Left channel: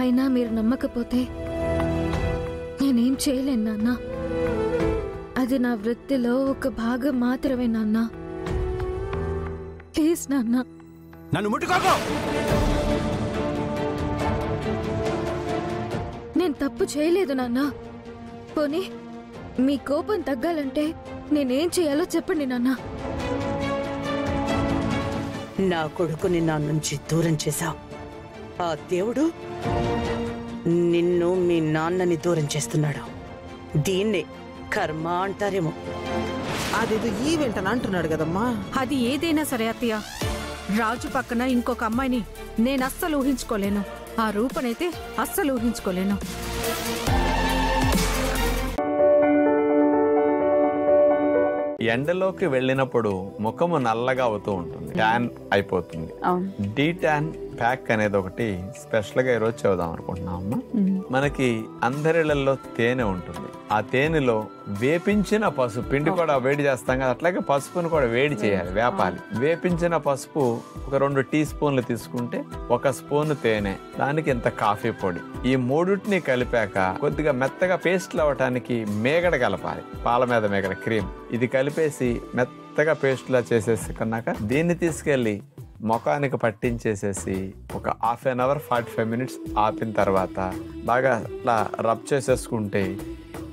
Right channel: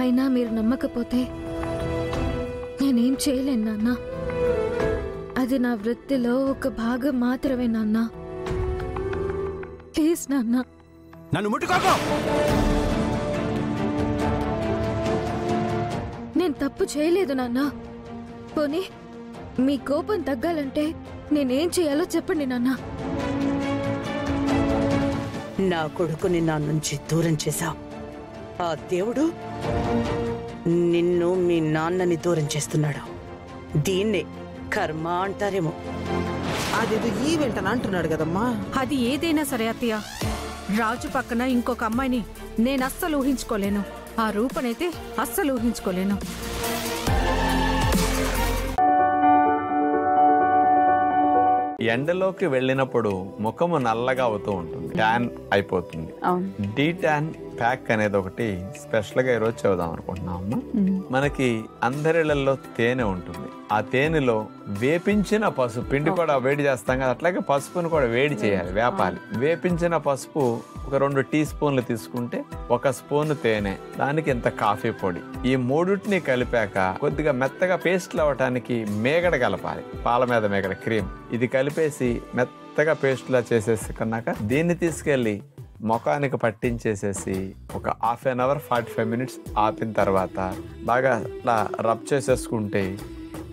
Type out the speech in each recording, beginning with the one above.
అయినా మీరు నమ్మకపోతే నేనేం చేయలేను నాన్న. అది నా వృత్తిలో ఒక భాగం మాత్రమే నాన్న. ప్లీజ్ నాన్న, నన్ను ముట్టుకోకు. నేను తప్పు చేయలేదు నాన్న. పోనీ మీ కోపం తగ్గాలంటే నేనేం చేయాలో చెప్పండి నాన్న. నా కొడుకుని నా నుంచి దూరం చేశావు. ఆ దేవుడు నిన్ను మీ నాన్నని దూరం చేస్తున్నాడు. దీన్నే కర్మ అంటారేమో. అదేదో ఈవెంట్ అని అంటున్నాడు కదమ్మా. అది ఏదైనా సరే అత్తయ్య, రాజు పక్కన ఇంకొక అమ్మాయిని నేను అస్సలు ఊహించుకోలేను. ఆ రూపనైతే అస్సలు ఊహించుకోలేను. ఎండలోకి వెళ్ళినప్పుడు ముఖము నల్లగా అవుతూ ఉంటుంది, ట్యాన్ అయిపోతుంది. డీ ట్యాన్ ప్యాక్ అనేది ఒకటి స్పెషల్ గా ఈరోజు చెబుదాం అనుకుంటున్నాం అమ్మా. మనకి అందరిళ్లలో తేనె ఉంటుంది. ఆ తేనెలో వేపించిన పసుపు, పిండి కూడా వేడి చేస్తాం కదా, అట్లాగే పసుపును కూడా వేడి చేయాలి, వేపాలి. వేపించిన పసుపు ఒక 2 టీ స్పూన్లు తీసుకుంటే 1 స్పూన్ తేనె, దానికి ఇంత కాఫీ పొడి, ఈ మూడుటిని కలిపాక కొద్దిగా మెత్తగా పేస్ట్లు అవ్వటానికి మేగడ కలపాలి, పాల మీద మేగడ క్రీమ్. ఇది కలిపేసి మెత్తగా పేస్ట్ లా చేసేసుకున్నాక దీన్ని తీసుకెళ్లి ముఖానికి పట్టించేసేసి ఒక 1/2 అవర్ 45 మినిట్స్ ఆపిన తర్వాత బాగా అట్లా రబ్ చేసేసుకుంటే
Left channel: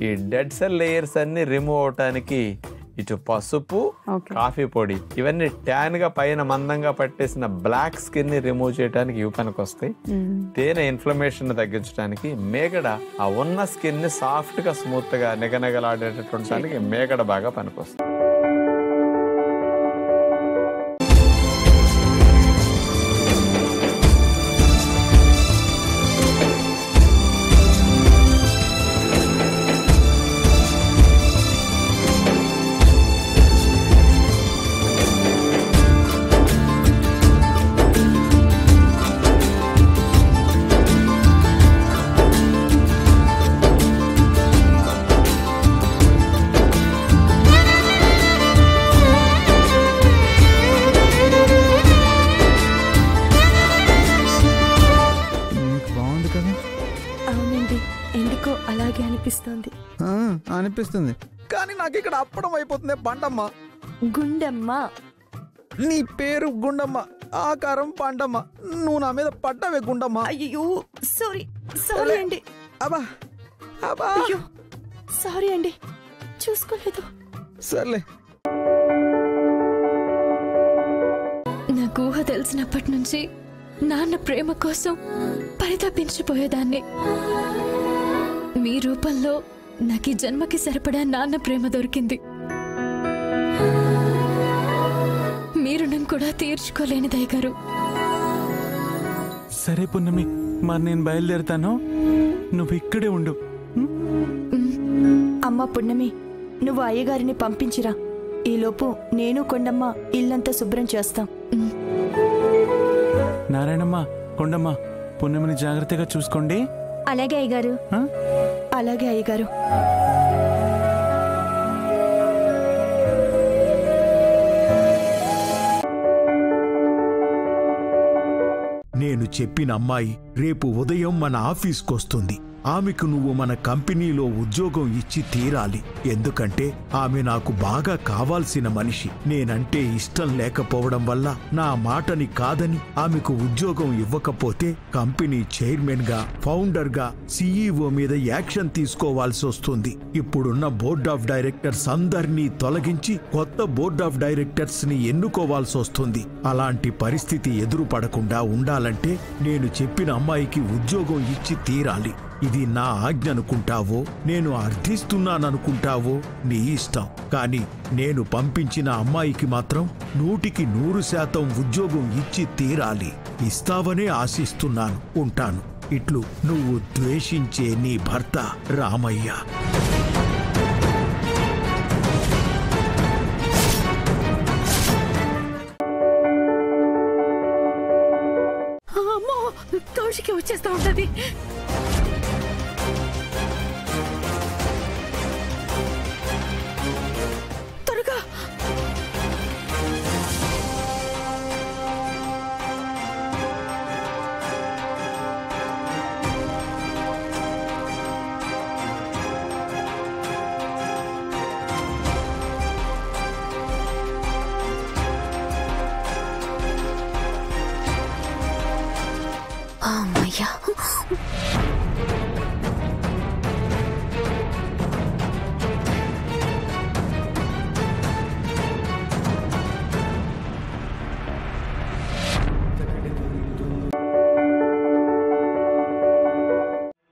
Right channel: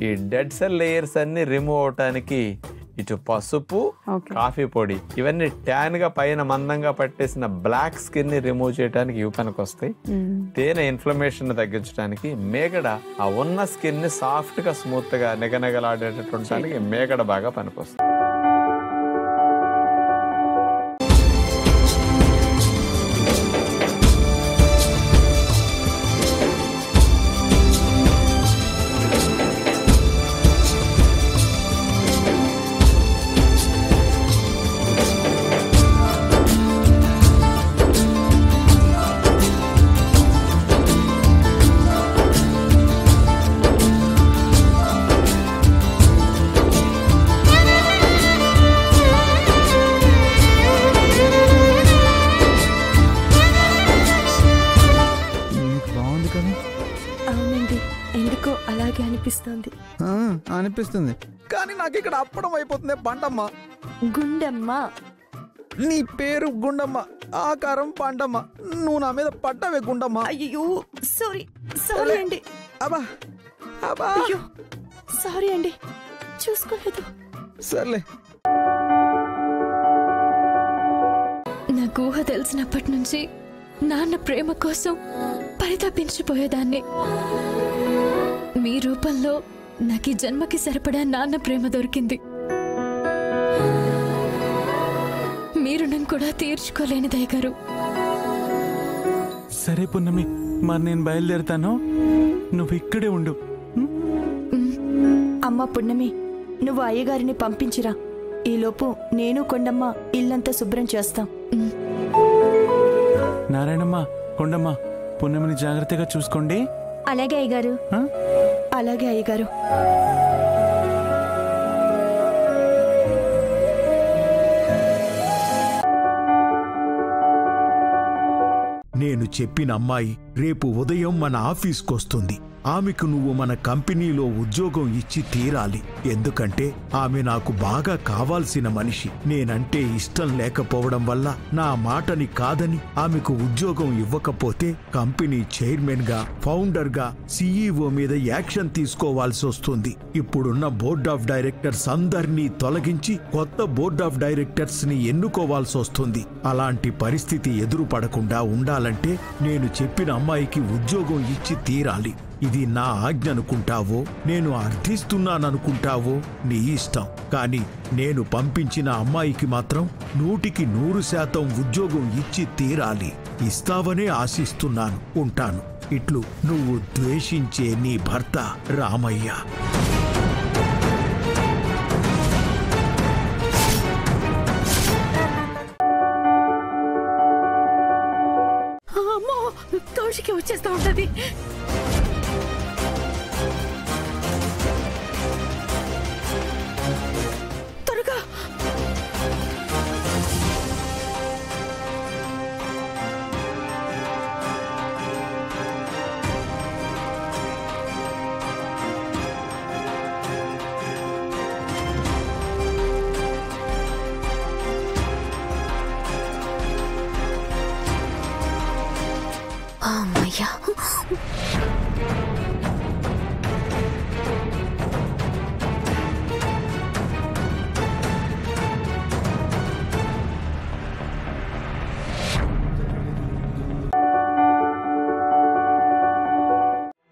ఈ డెడ్ సెల్ లేయర్స్ అన్ని రిమూవ్ అవటానికి ఇటు పసుపు, కాఫీ పొడి ఇవన్నీ ట్యాన్ గా పైన మందంగా పట్టేసిన బ్లాక్ స్కిన్ ని రిమూవ్ చేయడానికి ఇవి పనికి వస్తాయి. తేనె ఇన్ఫ్లమేషన్ తగ్గించడానికి, మేగడ ఆ ఉన్న స్కిన్ ని సాఫ్ట్ గా స్మూత్ గా నిగనగలాడేటటువంటి మేగడ బాగా పనికొస్తుంది. అవునండి, ఎందుకో అలాగే అనిపిస్తుంది. అనిపిస్తుంది, కానీ నాకు ఇక్కడ అప్పడం అయిపోతుంది. బండమ్మ, గుండమ్మ. నీ పేరు గుండమ్మ, ఆకారం పండమ్మ, నువ్వు నా మీద పడ్డావే గుండమ్మ. అయ్యో సారీ, సారీ అండి. అబ్బా అబ్బా, అయ్యో సారీ అండి, చూసుకోలేదు. సర్లే. నాకు ఊహ తెలిసినప్పటి నుంచి నాన్న ప్రేమ కోసం పరితపించిపోయేదాన్ని. మీ రూపంలో నాకు ఈ జన్మకి సరిపడా నాన్న ప్రేమ దొరికింది. మీరు నన్ను కూడా తీర్చుకోలేని దయగారు. సరే పున్నమి, మరి నేను బయలుదేరుతాను, నువ్వు ఇక్కడే ఉండు. అమ్మ పున్నమి, నువ్వు అయ్యగారిని పంపించిరా. ఈలోపు నేను కొండమ్మ ఇల్లంతా శుభ్రం చేస్తాం. నారాయణమ్మ, కొండమ్మ, పున్నమిని జాగ్రత్తగా చూసుకోండి. అలాగే అయ్యగారు. అలాగే అయ్యగారు. నేను చెప్పిన అమ్మాయి రేపు ఉదయం మన ఆఫీస్కొస్తుంది. ఆమెకు నువ్వు మన కంపెనీలో ఉద్యోగం ఇచ్చి తీరాలి. ఎందుకంటే ఆమె నాకు బాగా కావాల్సిన మనిషి. నేనంటే ఇష్టం లేకపోవడం వల్ల నా మాటని కాదని ఆమెకు ఉద్యోగం ఇవ్వకపోతే కంపెనీ చైర్మన్ గా, ఫౌండర్ గా, CEO మీద యాక్షన్ తీసుకోవాల్సి వస్తుంది. ఇప్పుడున్న బోర్డ్ ఆఫ్ డైరెక్టర్స్ అందరినీ తొలగించి కొత్త బోర్డ్ ఆఫ్ డైరెక్టర్స్ ని ఎన్నుకోవాల్సి వస్తుంది. అలాంటి పరిస్థితి ఎదురుపడకుండా ఉండాలంటే నేను చెప్పిన అమ్మాయికి ఉద్యోగం ఇచ్చి తీరాలి. ఇది నా ఆజ్ఞ అనుకుంటావో, నేను అర్థిస్తున్నాననుకుంటావో నీ ఇష్టం. కానీ నేను పంపించిన అమ్మాయికి మాత్రం 100% ఉద్యోగం ఇచ్చి తీరాలి. ఇస్తావనే ఆశిస్తున్నాను. ఉంటాను. ఇట్లు నువ్వు ద్వేషించే నీ భర్త రామయ్య. అమ్మో, కౌశికి వచ్చేస్తా ఉంటది. త్వరగా. అత్తయ్య.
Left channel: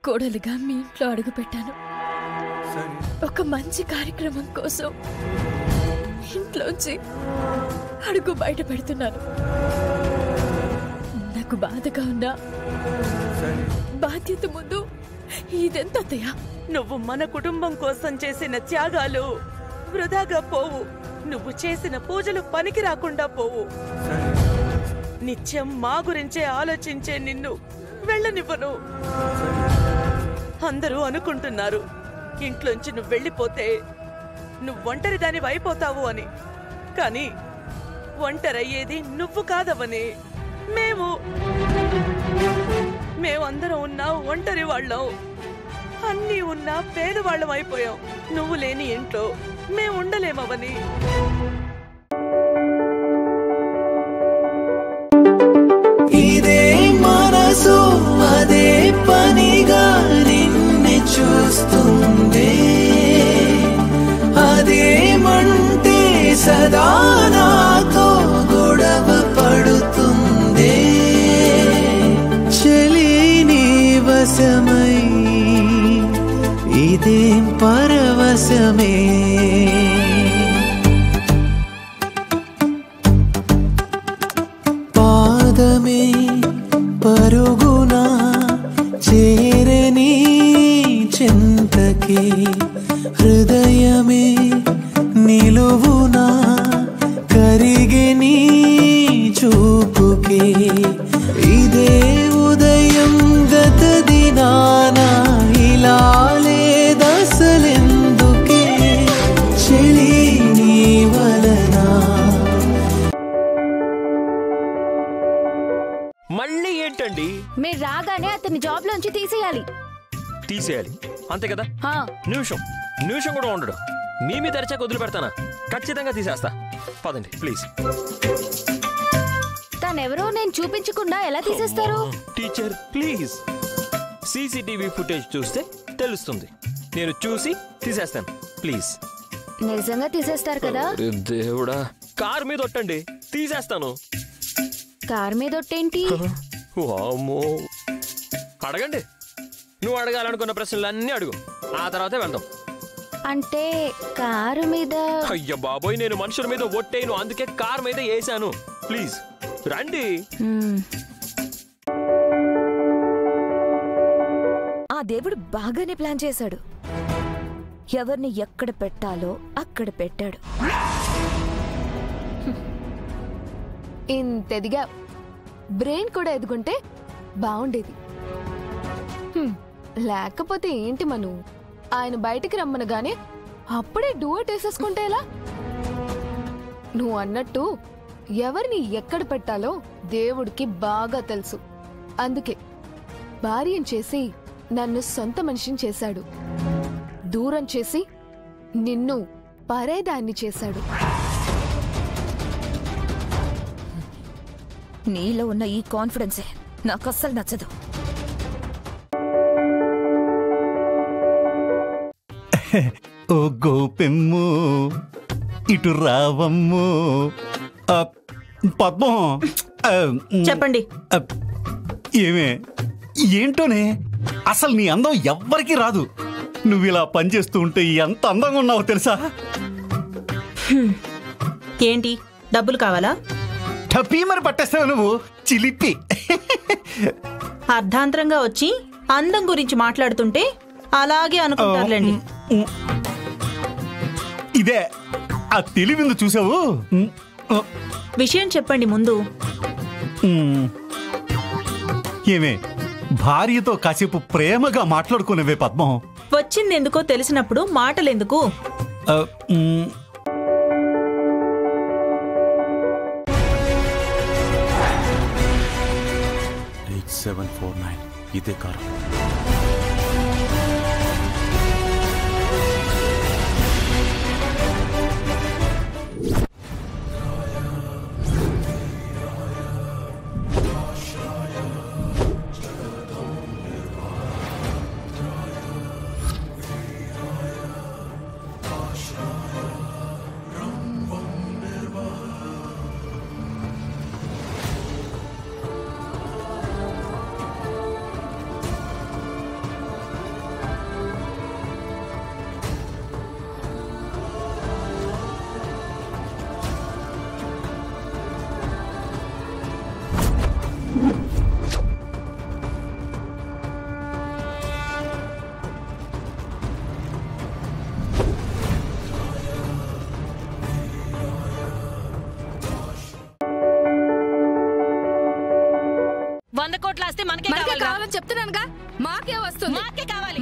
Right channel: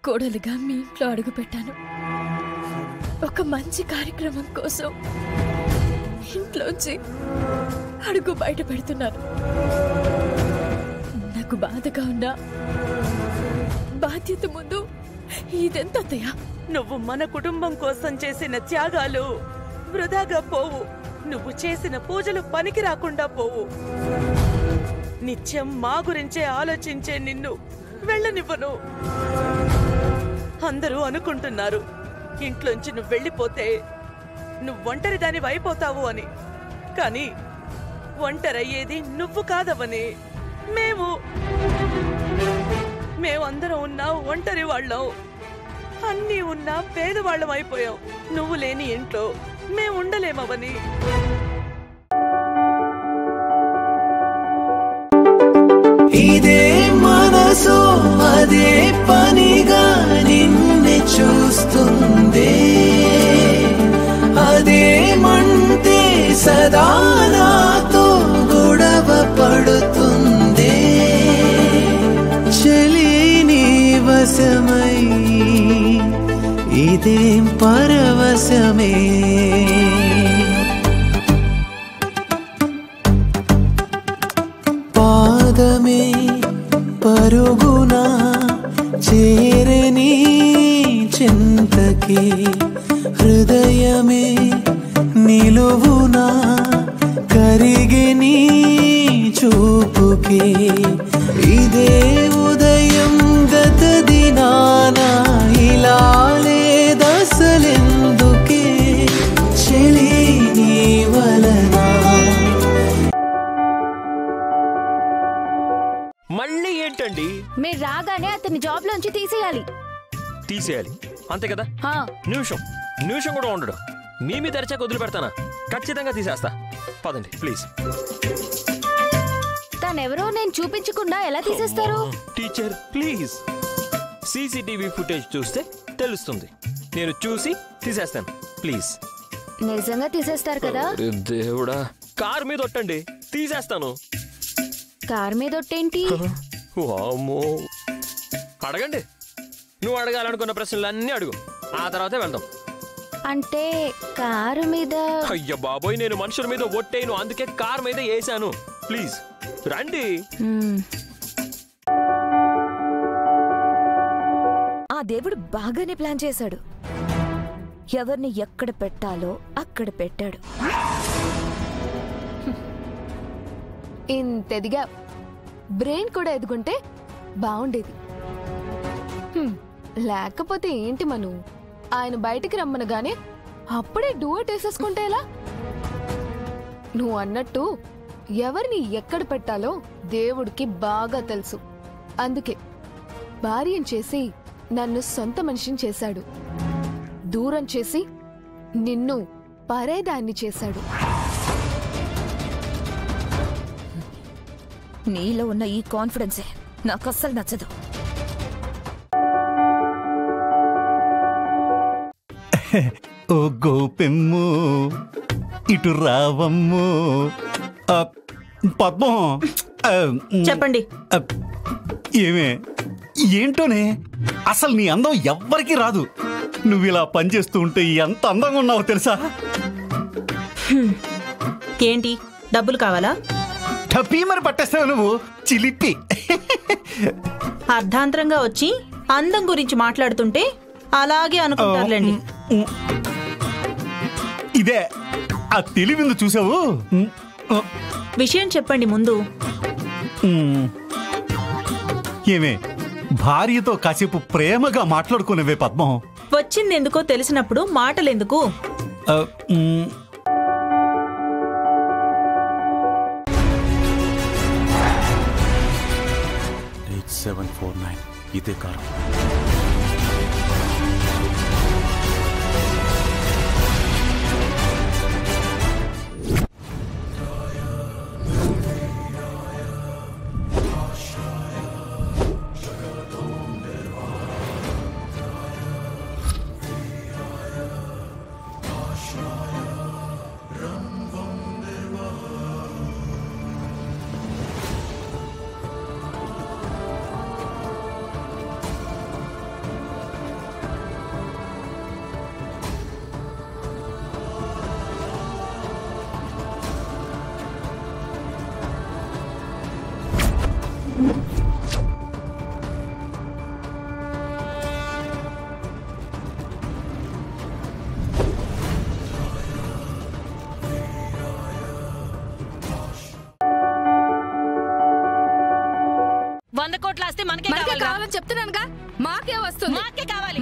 కోడలుగా మీ ఇంట్లో అడుగు పెట్టాను. ఒక మంచి కార్యక్రమం కోసం ఇంట్లోంచి అడుగు బయట పెడుతున్నాను. నాకు బాధగా ఉన్నా బాధ్యత ముందు ఇదెంత అత్తయ్య? నువ్వు మన కుటుంబం కోసం చేసిన త్యాగాలు వృధాగా పోవు. నువ్వు చేసిన పూజలు పనికి రాకుండా పోవు. నిత్యం మా గురించే ఆలోచించే నిన్ను వెళ్ళనివ్వను. అందరూ అనుకుంటున్నారు ఇంట్లోంచి నువ్వు వెళ్ళిపోతే నువ్వు ఒంటరిదాని అయిపోతావు అని. కానీ ఒంటరయ్యేది నువ్వు కాదవని. మేమందరం ఉన్నా ఒంటరి వాళ్ళం, అన్నీ ఉన్నా పేదవాళ్ళం అయిపోయాం. నువ్వు లేని ఇంట్లో మేము ఉండలేమవని. ఇదే మనసు అదే పనిగా నిన్ను చూస్తుంది. అదేమంటే సదా నాతో గొడవ పడుతుంది. చలి నీ వశమై ఇదేం పరవశమే. పాదమే పరుగునా చేరని చింతకి, హృదయమే నిలువునా కరిగని చూపుకి. ఇదే ఉదయం గత దినాన ఇలా లేదసలెందుకే చెలి నీ వలనా. మళ్ళీ ఏంటండి? మీరు రాగానే అతన్ని జాబ్ లోంచి తీసేయాలి. తీసేయాలి అంతే కదా? నిమిషం కూడా ఉండడు. మీ మీద తెరచాక వదిలి పెడతానా? ఖచ్చితంగా తీసేస్తా. పదండి ప్లీజ్. తనెవరో నేను చూపించకుండా ఎలా తీసేస్తారు? టీచర్ ప్లీజ్, సీసీటీవీ ఫుటేజ్ చూస్తే తెలుస్తుంది. నేను చూసి తీసేస్తాను ప్లీజ్. నిజంగా తీసేస్తారు కదా? దేవుడా, కార్ మీద ఒట్టండి, తీసేస్తాను. కార్ మీద ఒట్టేంటి? వామ్మో, అడగండి. నువ్వు అడగాలనుకున్న ప్రశ్నలు అన్నీ అడుగు, ఆ తర్వాతే వెళ్దాం. అంటే కారు మీద? అయ్య బాబోయ్, నేను మనుషుల మీద ఒట్టేను, అందుకే కార్ మీద వేసాను. ప్లీజ్ రండి. ఆ దేవుడు బాగానే ప్లాన్ చేశాడు. ఎవరిని ఎక్కడ పెట్టాలో అక్కడ పెట్టాడు. ఇంతెదిగా బ్రెయిన్ కూడా ఎదుగుంటే బాగుండేది. లేకపోతే ఏంటి మను, ఆయన బయటికి రమ్మనగానే అప్పుడే డూయట్ వేసేసుకుంటే ఎలా? నువ్వు అన్నట్టు ఎవరిని ఎక్కడ పెట్టాలో దేవుడికి బాగా తెలుసు. అందుకే భార్యం చేసి నన్ను సొంత మనిషిని చేశాడు, దూరం చేసి నిన్ను పరేదాన్ని చేశాడు. నీలో ఉన్న ఈ కాన్ఫిడెన్సే నాకు అస్సలు నచ్చదు. ఓ గోపెమ్ము ఇటు రావమ్ము. పద్మం చెప్పండి. ఏమే ఏంటోనే, అసలు నీ అందం ఎవ్వరికీ రాదు. నువ్వు ఇలా పనిచేస్తూ ఉంటే ఎంత అందంగా ఉన్నావో తెలుసా? ఏంటి డబ్బులు కావాలా? టపీ మరి పట్టేస్తావు నువ్వు, చిలిపి. అర్ధాంతరంగా వచ్చి అందం గురించి మాట్లాడుతుంటే అలాగే అనుకుంటారులేండి. ఇదే ఆ తెలివిందు చూసావు. విషయం చెప్పండి ముందు. ఏమే భార్యతో కాసేపు ప్రేమగా మాట్లాడుకునేవే పద్మం. వచ్చిందెందుకో తెలిసినప్పుడు మాటలెందుకు? 8749 ఇదే కారు. 100 కోట్ల ఆస్తి మనకే కావాలని చెప్తున్నానుగా. మాకే వస్తుంది, మాకే కావాలి.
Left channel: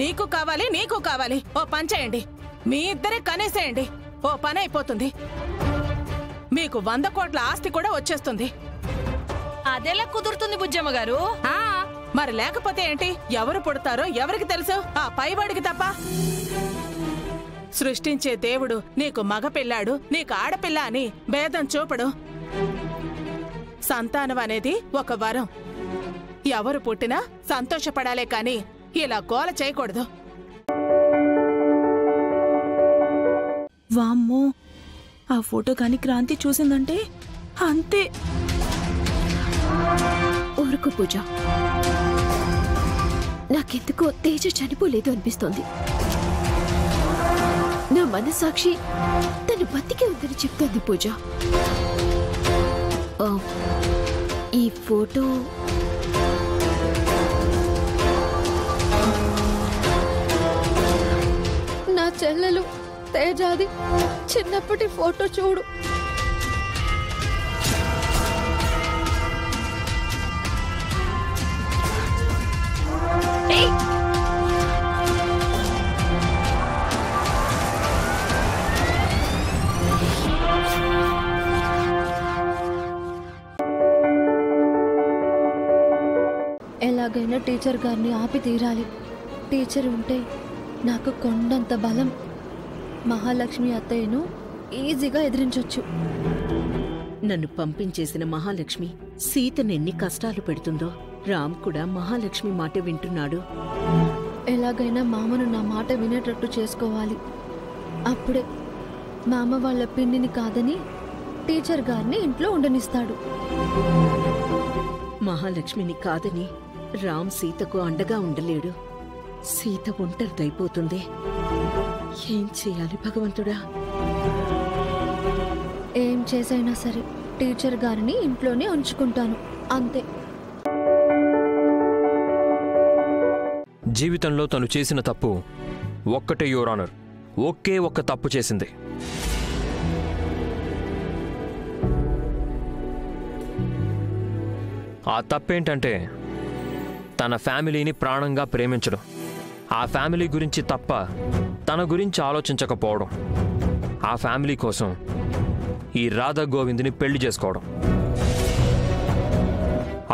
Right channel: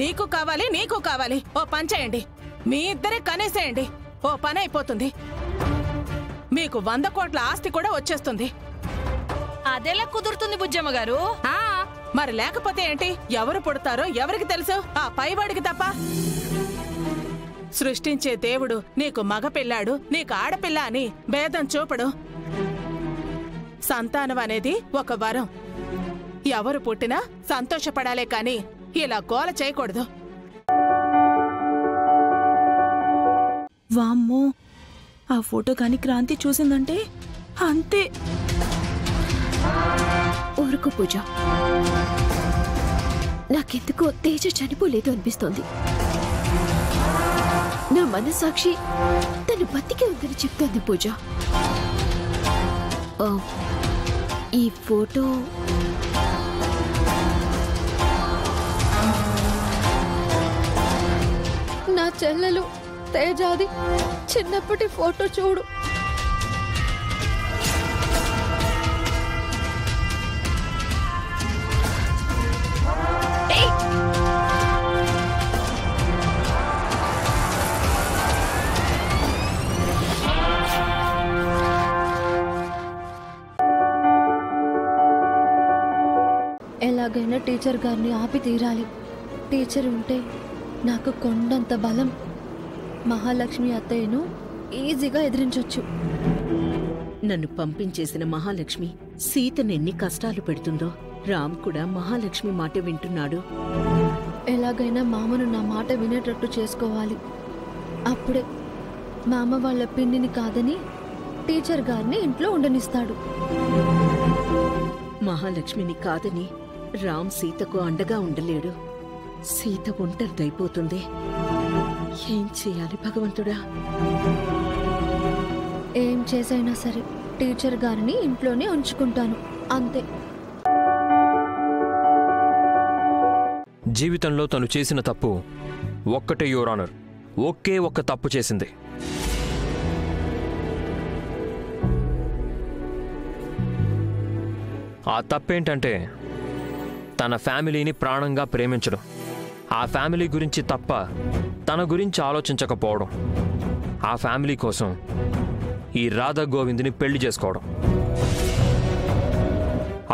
నీకు కావాలి, నీకు కావాలి. ఓ పని చేయండి, మీ ఇద్దరే కనేసేయండి. ఓ పని అయిపోతుంది, మీకు 100 కోట్ల ఆస్తి కూడా వచ్చేస్తుంది. అదెలా కుదురుతుంది బుజ్జమ్మ గారు? మరి లేకపోతే ఏంటి? ఎవరు పుడతారో ఎవరికి తెలుసు? ఆ పైవాడికి తప్ప. సృష్టించే దేవుడు నీకు మగ పిల్లాడు, నీకు ఆడపిల్ల అని భేదం చూపడు. సంతానం అనేది ఒక వరం. ఎవరు పుట్టినా సంతోషపడాలే కాని ఇలా గోల చేయకూడదు. వామ్మో, ఆ ఫోటో కాని క్రాంతి చూసిందంటే అంతే. ఊరుకు పూజ, నాకెందుకో తేజ చనిపోలేదు అనిపిస్తోంది. నా మనసాక్షి తను బతికే ఉందని చెప్తోంది పూజ. ఈ ఫోటో నా చెల్లెలు తేజాది చిన్నప్పటి ఫోటో చూడు. ఎలాగైనా టీచర్ గారిని ఆపి తీరాలి. టీచర్ ఉంటే నాకు కొండంత బలం. మహాలక్ష్మి అత్తయ్యను ఈజీగా ఎదిరించొచ్చు. నన్ను పంపించేసిన మహాలక్ష్మి సీతను ఎన్ని కష్టాలు పెడుతుందో రామ్ కూడా మహాలక్ష్మి మాట వింటున్నాడు. ఎలాగైనా మామను నా మాట వినేటట్టు చేసుకోవాలి. అప్పుడే మామ వాళ్ళ పిన్నిని కాదని టీచర్ గారిని ఇంట్లో ఉండనిస్తాడు. మహాలక్ష్మిని కాదని రామ్ సీతకు అండగా ఉండలేడు. సీత ఒంటరిదైపోతుంది. ఏం చేయాలి భగవంతుడా? ఏం చేసైనా సరే టీచర్ గారిని ఇంట్లోనే ఉంచుకుంటాను, అంతే. జీవితంలో తను చేసిన తప్పు ఒక్కటే యువర్ ఆనర్, ఒకే ఒక్క తప్పు చేసింది. ఆ తప్పేంటంటే తన ఫ్యామిలీని ప్రాణంగా ప్రేమించడం, ఆ ఫ్యామిలీ గురించి తప్ప తన గురించి ఆలోచించకపోవడం, ఆ ఫ్యామిలీ కోసం ఈ రాధా గోవింద్ని పెళ్లి చేసుకోవడం,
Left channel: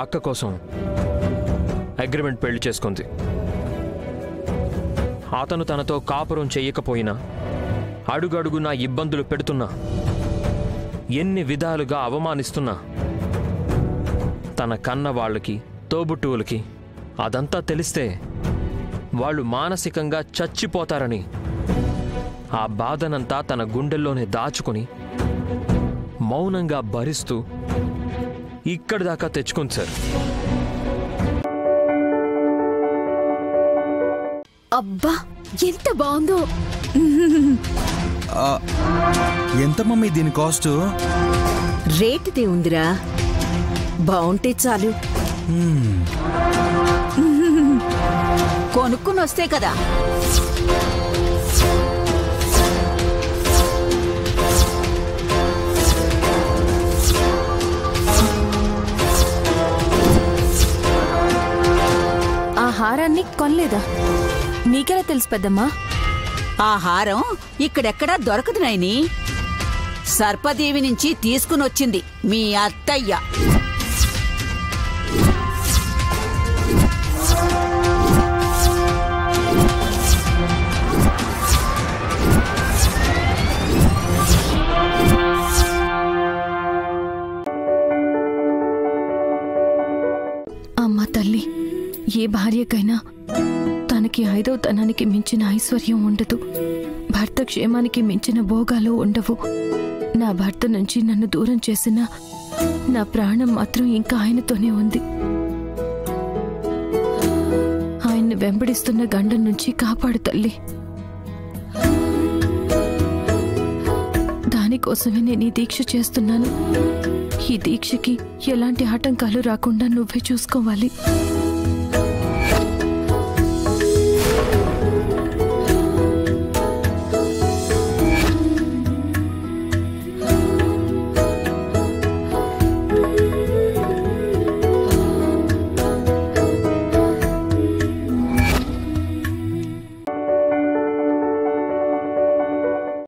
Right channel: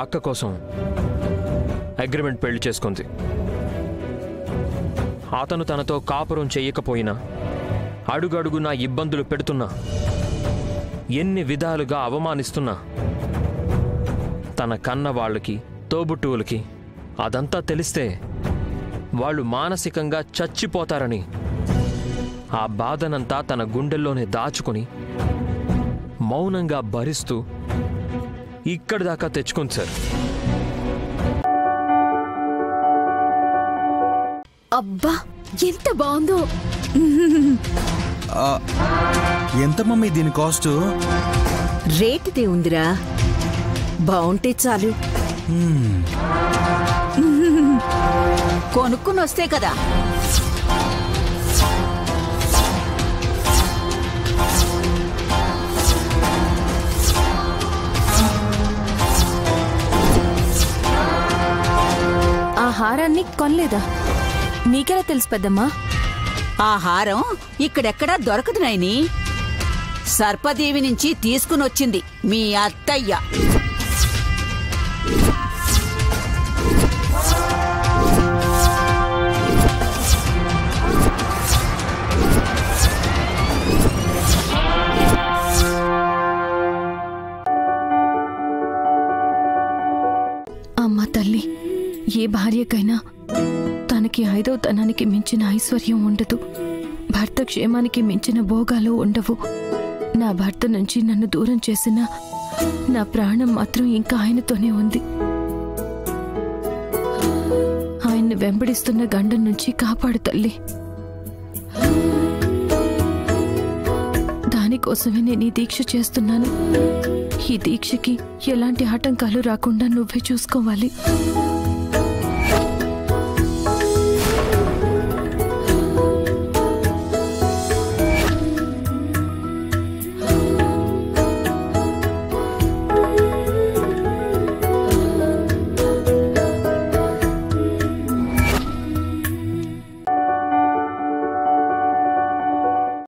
అక్క కోసం అగ్రిమెంట్ పెళ్లి చేసుకుంది. అతను తనతో కాపురం చెయ్యకపోయినా, అడుగడుగునా ఇబ్బందులు పెడుతున్నా, ఎన్ని విధాలుగా అవమానిస్తున్నా తన కన్న వాళ్ళకి, తోబుట్టువులకి అదంతా తెలిస్తే వాళ్ళు మానసికంగా చచ్చిపోతారని ఆ బాధనంతా తన గుండెల్లోనే దాచుకుని మౌనంగా భరిస్తూ ఇక్కడి దాకా తెచ్చుకుంది సార్. అబ్బా ఎంత బాగుందో! ఎంత మమ్మీ దీని కాస్ట్? రేటుదే ఉందిరా, బాగుంటే చాలు. కొనుక్కుని వస్తే కదా. ఆ హారాన్ని కొనలేదా? నీకెలా తెలుసు పెద్దమ్మా? ఆ హారం ఇక్కడెక్కడా దొరకదు నాయని. సర్పదేవి నుంచి తీసుకునొచ్చింది మీ అత్తయ్య. అమ్మా తల్లి, ఏ భార్యకైనా తనకి 5వ తనానికి మించిన ఐశ్వర్యం ఉండదు, భర్త క్షేమానికి మించిన భోగాలు ఉండవు. నా భర్త నుంచి నన్ను దూరం చేసిన నా ప్రాణం మాత్రం ఇంకా ఆయనతోనే ఉంది. ఆయన్ని వెంబడిస్తున్న గండం నుంచి కాపాడు తల్లి. దానికోసమే నేను ఈ దీక్ష చేస్తున్నాను. ఈ దీక్షకి ఎలాంటి ఆటంకాలు రాకుండా నువ్వే చూసుకోవాలి.